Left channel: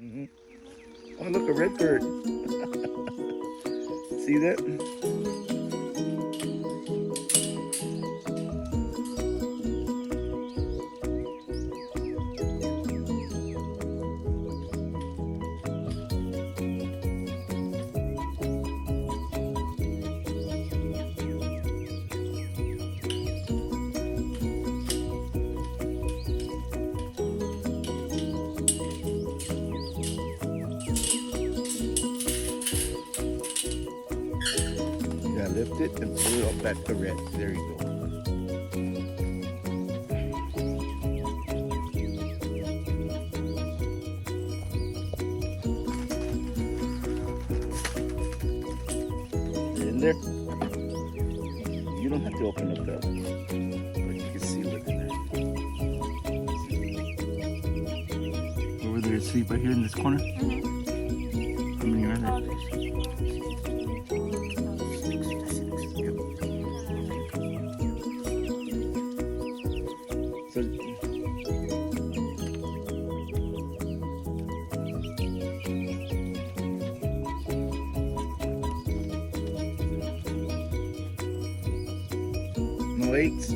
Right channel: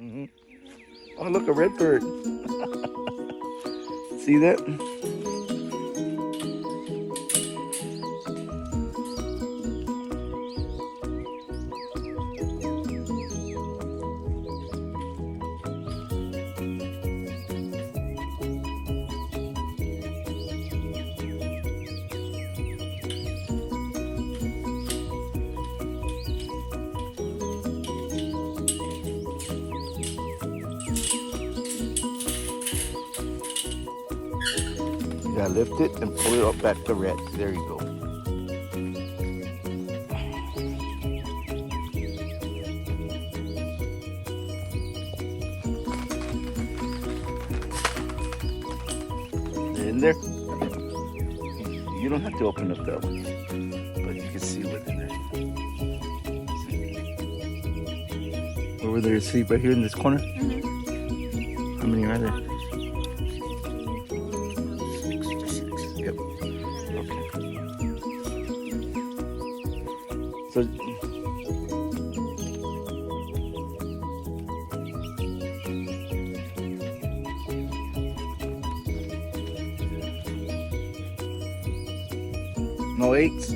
Mm-hmm. Oh, look, a red bird. See that? Yeah, lift it and pull it up back to red. There you go. In there? You don't have to open up that one, but you can see what's in there. Over there, sleep right here in this corner. How many are there? Yep. Okay. So. No eggs?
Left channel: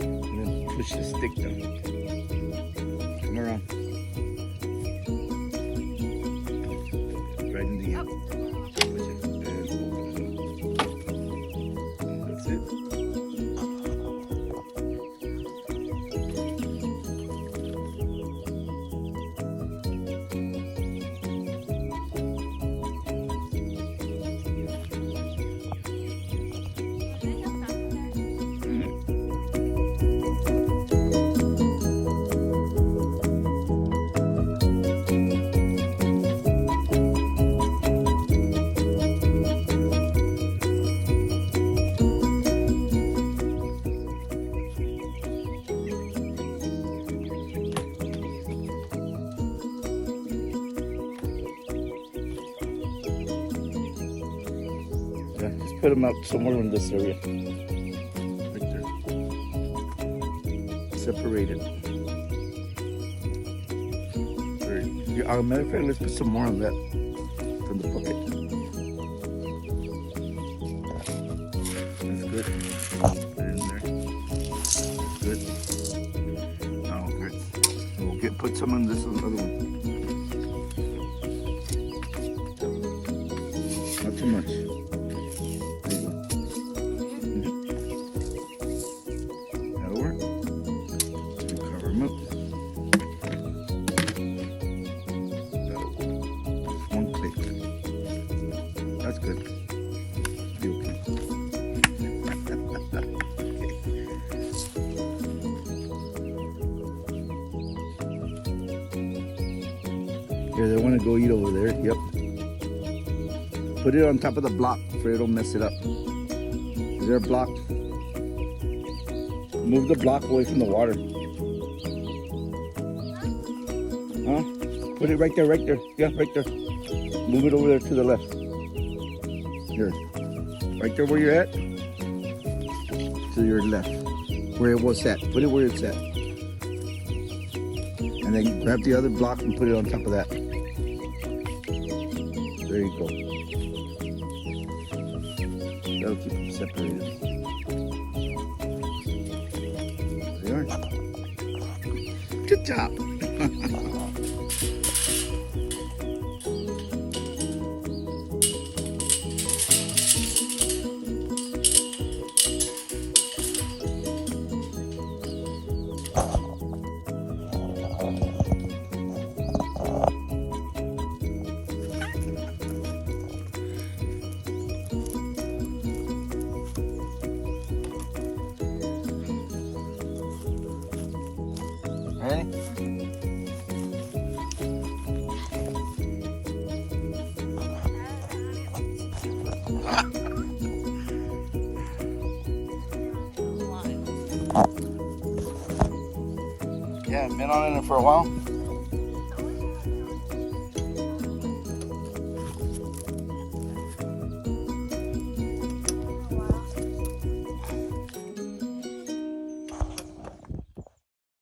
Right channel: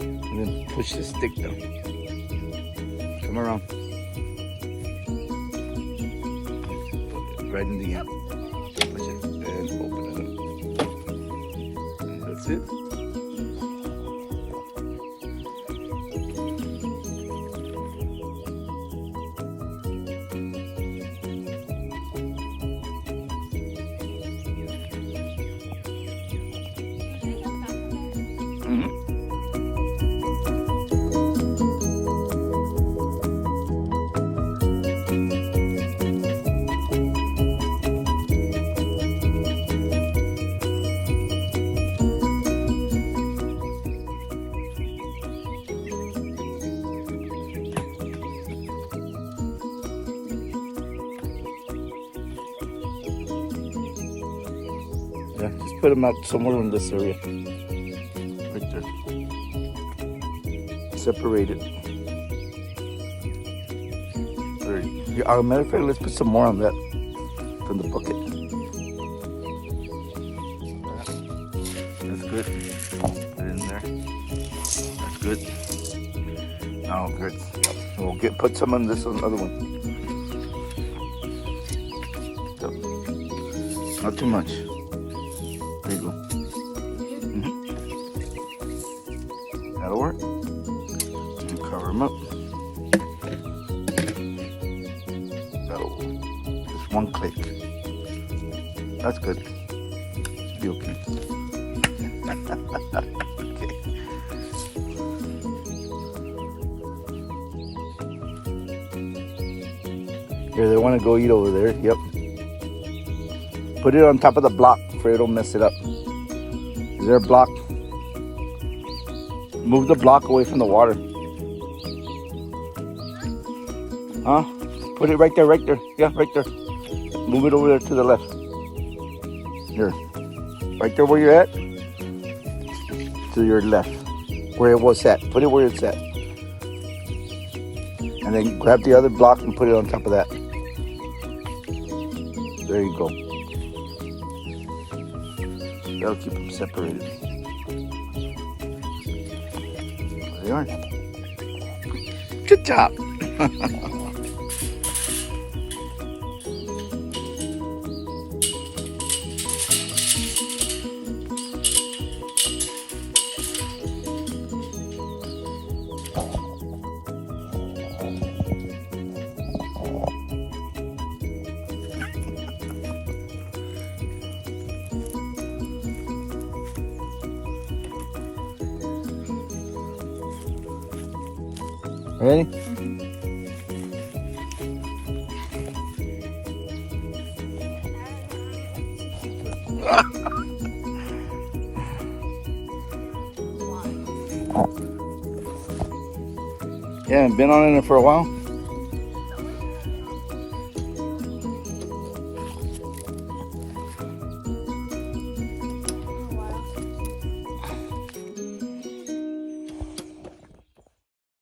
And then push the stick down. Come around. Right in the end. Push it and open it up. That's it. Put them out somewhere in this area. Right there. Separated. As a matter of fact, let's put some more on that from the bucket. That's good. Put it in there. That's good. Now, good. We'll put some on this other one. So, not too much. That'll work. And cover them up. That'll just one click. That's good. Should be okay. Okay. Here, they want to go eat over there. Yep. Put it on top of the block for it don't mess it up. Is there a block? Move the block away from the water. Huh? Put it right there, right there. Yeah, right there. Move it over there to the left. Here. Right there where you're at. To your left. Where it was at. Put it where it's at. And then grab the other block and put it on top of that. There you go. That'll keep them separated. There they are. Good job. Ready? Yeah, been on it for a while.